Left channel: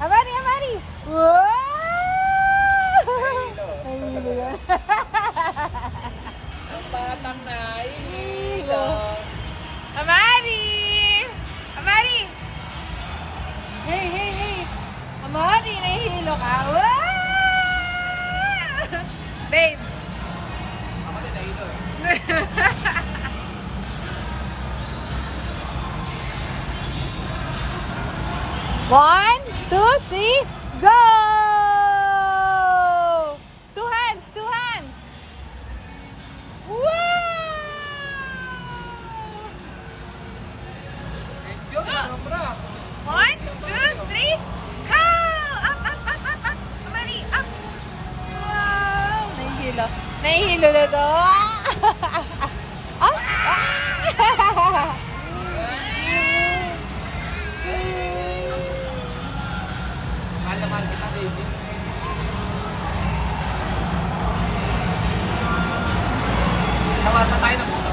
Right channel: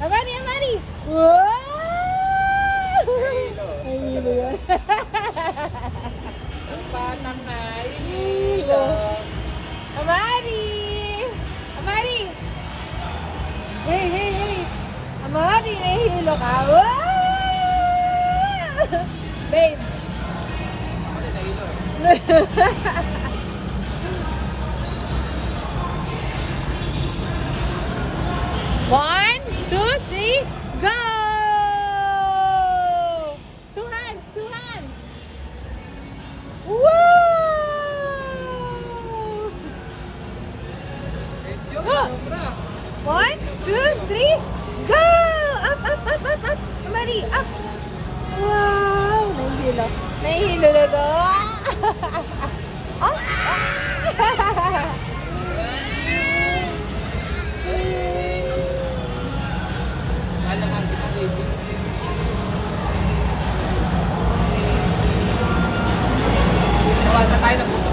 Amari, Amari! Wow! Ay, hilo yan. Batang na, hilo. Amari! Amari! Hey, hey, hey! Amari, nahihilo ka. Wow! Babe! Ako din nahilo. One, two, three, go! Two hands, two hands. Woo! Thank you, sobra. One, two, three, go! Up, up, up, up, up. Mali, up. Wow! Nahihilo. Nahihilo na to. Up. Mahal kita, baby. Nawa na tayo ng puto